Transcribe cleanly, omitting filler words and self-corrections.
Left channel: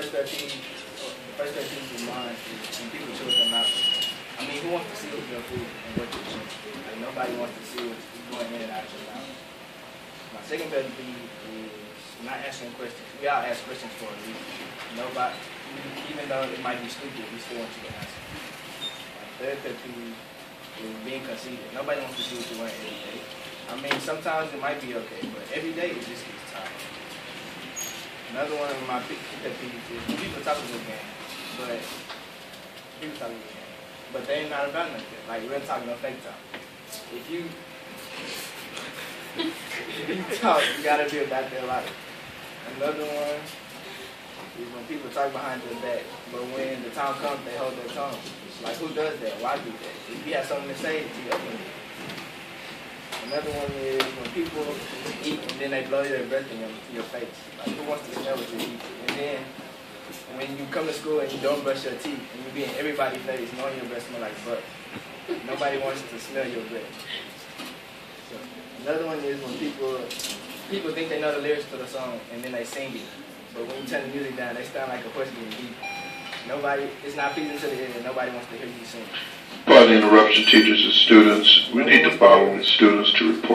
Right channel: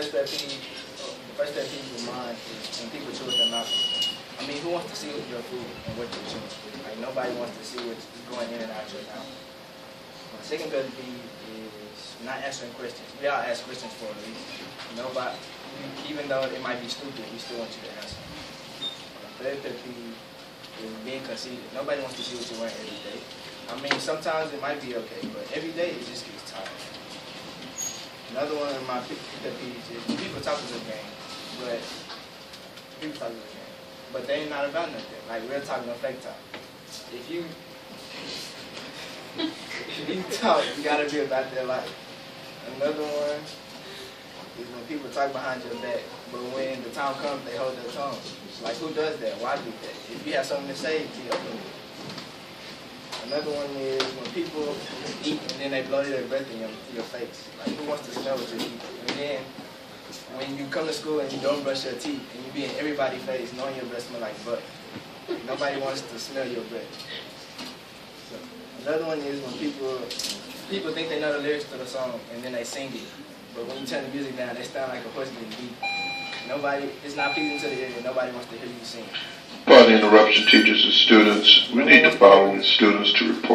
first pet peeve of mine is when people chew their mouth. I mean, who wants to see your food and what you chew? Like, nobody wants to see what's going in and out your mouth. My second pet peeve is not answering questions. We all ask questions for a reason. Nobody, even though it might be stupid, we still want you to answer. My third pet peeve is being conceited. Nobody wants to see what you're wearing every day. I mean, sometimes it might be okay, but every day it just gets tired. Another one of my pet peeves is when people talk a good game, but they ain't not about nothing. Like real talk, no fake talk. If you talk, you gotta be about their life. Another one is when people talk behind your back, but when the time comes, they hold their tongue. Like, who does that? Why do that? If you have something to say, you open it. Another one is when people eat and then they blow their breath in your face. Like, who wants to smell what you eat? And then when you come to school and you don't brush your teeth and you be in everybody's face knowing your breath smell like butt. Nobody wants to smell your breath. So, another one is when people think they know the lyrics for the song and then they sing it. But when you turn the music down, they sound like a horse getting beat. It's not pleasing to the ear. Nobody wants to hear you sing. By the interruption, teachers and students, we need to follow the students to report.